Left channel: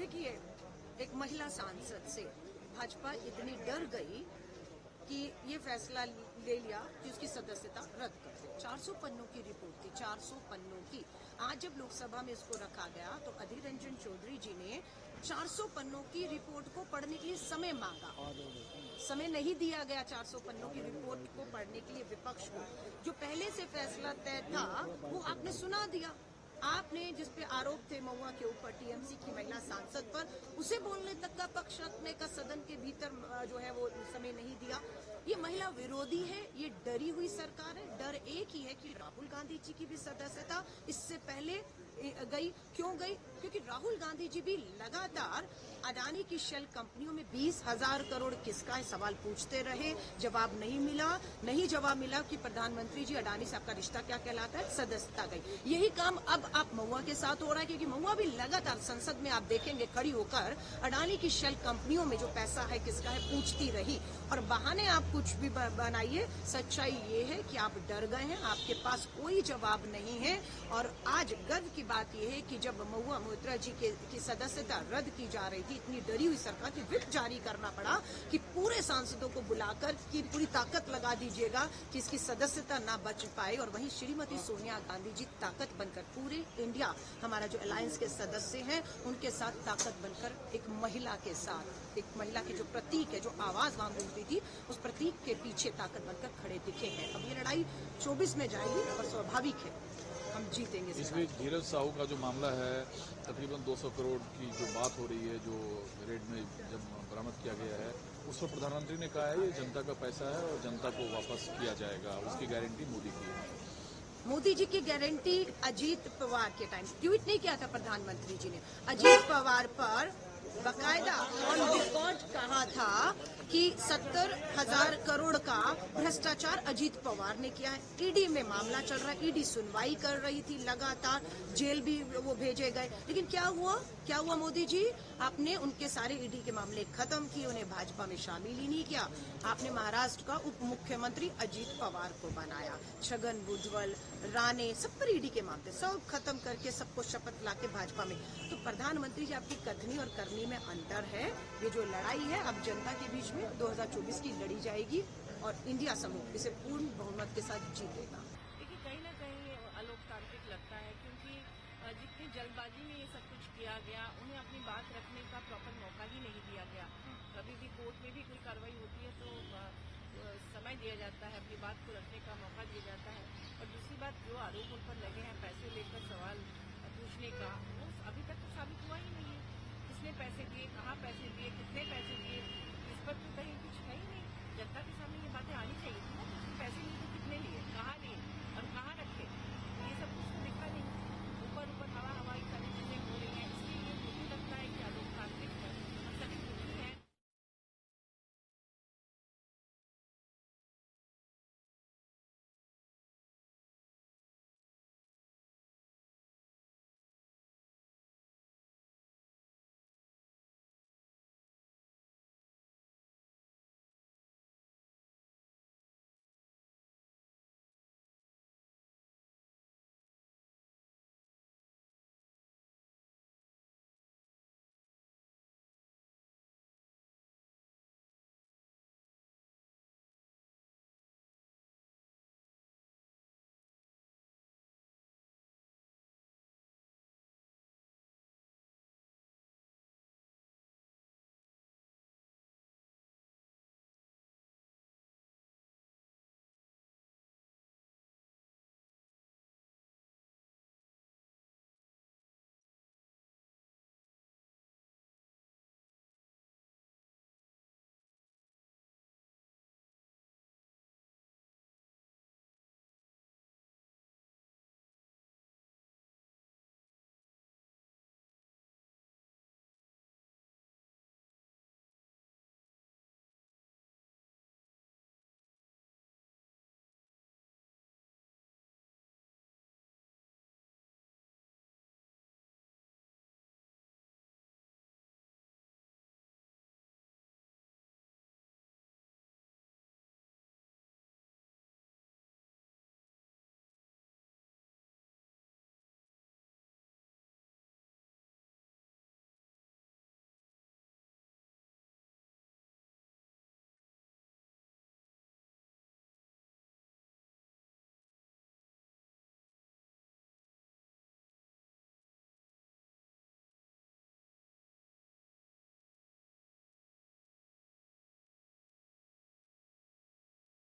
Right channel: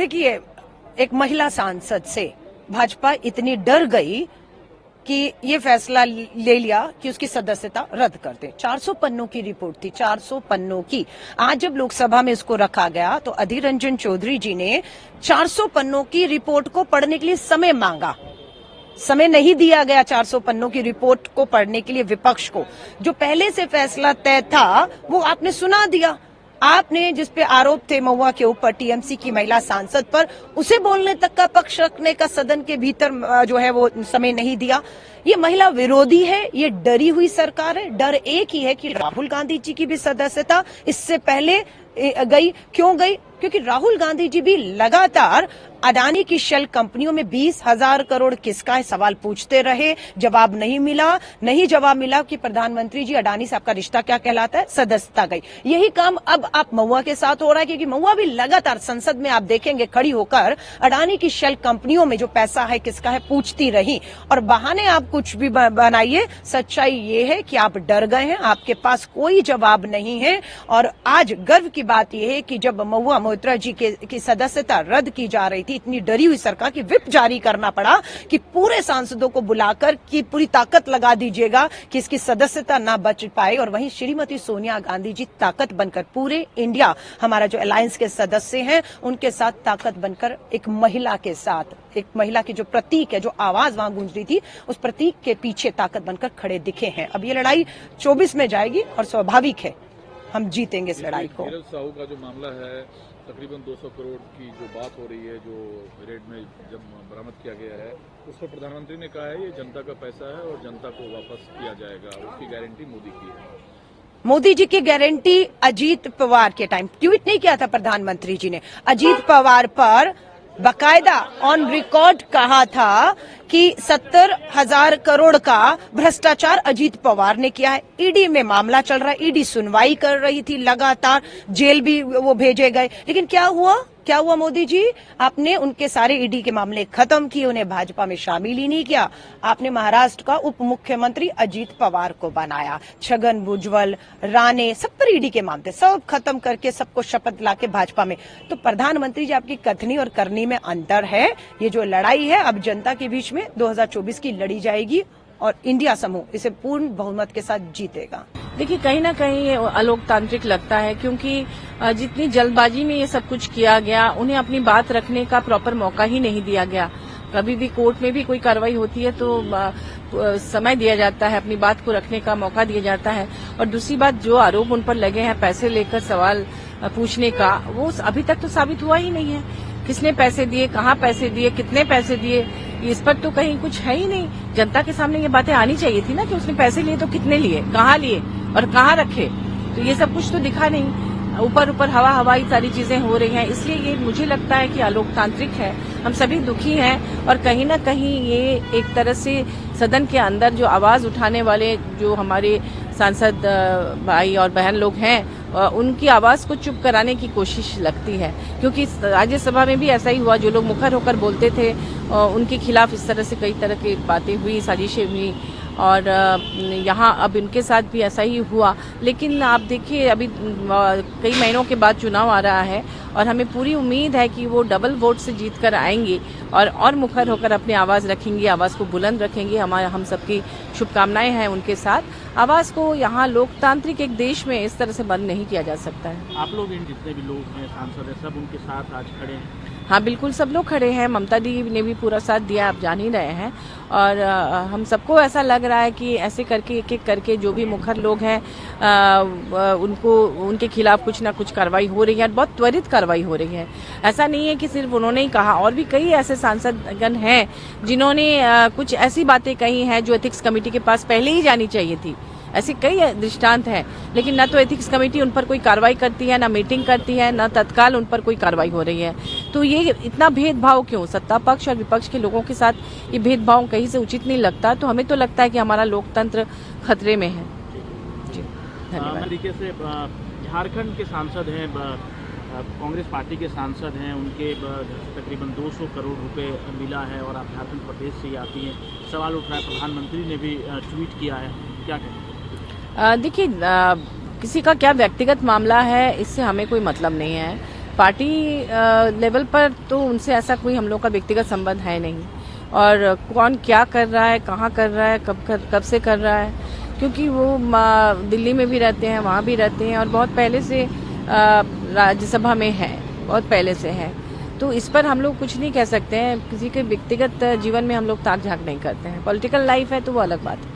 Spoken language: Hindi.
देखिए, एक महिला सांसद से भाजपा इतनी डर गई कि ये फैसला ले लिया कि उसकी सदस्यता रद्द कर दे। 400 पन्नों की रिपोर्ट थी, 400 पन्नों की। आज जब लोकसभा में इसको रखा गया तो अधीर रंजन चौधरी जी ने 400 पन्नों की रिपोर्ट को पढ़ने के लिए समय मांगा। समय नहीं दिया गया 400 पन्नों की रिपोर्ट को पढ़ने के लिए विपक्ष को। जो पहले से फैसला तय था वो आपने सुना दिया। आपने जिस पे आरोप थे महुआ के ऊपर टीएमसी की महिला सांसद पर, उसे बोलने तक का पक्ष रखने का सदन के भीतर जो है वो समय नहीं दिया। ये महिला विरोधी है, ये डरी हुई सरकार है। डर एक ही है कि राहुल गांधी जी की भी सदस्यता इससे पहले गई। क्यों गई? क्योंकि राहुल गांधी जी भी लगातार अडानी की शेल कंपनियों में 20,000 करोड़ किसका है सवाल पूछते रहे। जवाब नहीं मिला कि प्रधानमंत्री जी अडानी से आपका रिश्ता क्या कहलाता है, सदस्यता गई। यही काम अब आप महुआ के साथ हो रहा है, क्योंकि महुआ भी लगातार संसद में आप देखेंगे खड़ी होकर अडानी की शेल कंपनियों में जो पैसा है किसका है पूछती रही। और बहाने आप कुछ भी बनाइए, सच्चाई ये है कि आप डर गए हैं, आपके पास कोई जवाब नहीं है। और आज गर्व की बात यह है कि जब महुआ मोइत्रा जी की सदस्यता रद्द की जा रही थी, इतनी डरी हुई सरकार की विप जारी करना पड़ा कि पूरे सांसदों को बुलाकर की पूरी ताकत लगा दीजिएगा कि इसकी सदस्यता ना बच पाए। और वहीं श्रीमती सोनिया गांधी जी ताकत बनकर पूरे इंडिया, हमारा जो अलायंस के सदस्य हैं उनके साथ ताकत बनकर एक महिला के साथ, एक महिला की जो प्रतीक है, जो आवाज वहां गूंज रही थी, उस प्रतीक के पीछे ताकत बनकर खड़े दिखे हैं। अब ये लड़ाई 24 में जाएगी और स्वाभाविक है हम जीतेंगे इस लड़ाई को। नीरज साहू का जो मामला है, तकरीबन 200 करोड़ की जो बात हो रही है, जो रेड में जब बरामद किया गया है, उस पर प्रधानमंत्री ने कहा है ये जनता का पैसा है और जनता को वापस किया जाएगा, उसकी गारंटी मोदी की है। मोदी जी की गारंटी अजीत पवार के टाइम ट्वीट नहीं किया था प्रधानमंत्री जी ने। अजीत पवार पर बाकायदा ऑन रिकॉर्ड कहा था कि 70,000 करोड़ का भ्रष्टाचार अजीत पवार ने किया है। ईडी में मामला चल रहा है, ईडी सुनवाई कर रही थी, लगातार जेल भी वो भेजे गए। लेकिन क्या हुआ मोदी जी? आपने उनके सारे ईडी के मामले खत्म किए, उन्हें भाजपा में शामिल ही नहीं किया। आपने महाराष्ट्र का उप मुख्यमंत्री अजीत पवार को बनाया। छगन भुजबल, राणे, सब पर ईडी के मामले सब खत्म करके सबको शपथ लाके भाजपा में। तो प्रधानमंत्री जी, आपकी कथनी और करनी में अंतर है। ये जो लड़ाई है अब जनता के बीच में 2024 की लड़ी जाएगी और इंडिया समूह इसे पूर्ण बहुमत के साथ जीतेगा। देखिए, कहीं ना कहीं ये अलोकतांत्रिक लगता है, क्योंकि जितनी जल्दबाजी में ये सब कुछ किया गया, उन्हें अपनी बात रखने का प्रॉपर मौका ही नहीं दिया गया। कभी भी कोर्ट में भी कोई कार्रवाई होती है तो समय दिया जाता है, अपनी बात को रखने का मौका दिया जाता है। और दूसरी बात, जो आरोप उन पर लगे हैं पैसे लेकर सवाल पूछने का, वो अभी तक तो साबित हुआ ही नहीं है। किसने पैसे दिए, कहाँ पैसे दिए, कितने पैसे दिए, इस पर तो कहीं कुछ है ही नहीं। जनता के सामने ये बातें आनी चाहिए थी ना कि उसने पैसे लिए तो कितने लिए, कहाँ लिए और कहाँ रखे। तो ये सब कुछ तो दिखा नहीं। ऊपर हवाई सारी चीजें हो रही हैं। इसलिए ये मुझे लगता है कि अलोकतांत्रिक है। हम सभी दुखी हैं और कहीं ना कहीं ये एक तरह से सदन के अंदर जो आवाज उठाने वाले जो हमारे सांसद भाई और बहन लोग हैं, उनकी आवाज को चुप कराने की कोशिश लगती है। क्योंकि राज्यसभा में भी ऐसा ही हुआ, जो लोग मुखर होकर बोलते थे उनके खिलाफ इस तरह से कई तरह की बातें हुई, साजिशें हुई। और यहाँ अब इनके साथ भी ऐसा ही हुआ। लेकिन आप देखिए, अभी कई महीनों के बाद चुनाव आ रहा है और हमें पूरी उम्मीद है कि वो डबल वोट से जीत कर आएंगी और मुखर होकर अपनी आवाज़ रखेंगी, आवाज़ को बुलंद रखेंगी। हम सबकी शुभकामनाएं हैं उनके साथ। आवाज़ को यहाँ लोकतांत्रिक एक देश में इस तरह से बंद नहीं किया जा सकता है। आप लोग इन जितने भी लोग हैं, सांसद हैं, सब उनके साथ आज खड़े हैं? हाँ, बिल्कुल, सब लोग खड़े हैं। ममता दी ने भी पूरा साथ दिया, आप जान ही रहे हैं। और हम सबको ऐसा लग रहा है कि ऐसे करके एक एक करके जो भी मुखर लोग हैं उनके खिलाफ कुछ ना कुछ कार्रवाई हो रही है, बहुत त्वरित कार्रवाई हो रही है। ऐसा नहीं है कि सिर्फ उन्होंने ही कहा, और भी कई ऐसे सांसदगण हैं जिन्होंने कुछ ऐसी बातें कही हैं जो एथिक्स कमेटी के पास पहले ही जानी चाहिए थी। ऐसे कई दृष्टांत हैं, लेकिन न तो एथिक्स कमेटी उन पर कोई कार्रवाई करती है, न मीटिंग करती है, न तत्काल उन पर कोई कार्रवाई हो रही है। तो ये इतना भेदभाव क्यों? सत्ता पक्ष और विपक्ष के लोगों के साथ ये भेदभाव कहीं से उचित नहीं लगता। तो हमें तो लगता है कि हमारा लोकतंत्र खतरे में है। जी, धन्यवाद। तरीके से झारखंड के सांसद हैं, कांग्रेस पार्टी के सांसद हैं, उनके तकरीबन 200 करोड़ रुपए मिला है और आप झारखंड प्रदेश से ही आती हैं। सवाल उठ रहा है, प्रधानमंत्री ने भी ट्वीट किया है, क्या कहें? देखिए, किसी का क्या व्यक्तिगत मामला है इससे हमें कोई मतलब नहीं है। पार्टी लेवल पर तो उनसे ऐसा कोई हम लोग का व्यक्तिगत संबंध है नहीं, और कौन क्या कर रहा है, कहाँ कर रहा है, कब से कर रहा है, क्योंकि वो दिल्ली में भी रहते हैं, वहाँ भी रहते हैं और बहुत पहले से राज्यसभा में है, बहुत पहले से है। तो इस पर हम लोग कुछ नहीं कह सकते हैं। किसी के व्यक्तिगत जीवन में हम लोग ताक झांक नहीं करते हैं। पॉलिटिकल लाइफ है तो वो अलग बात है।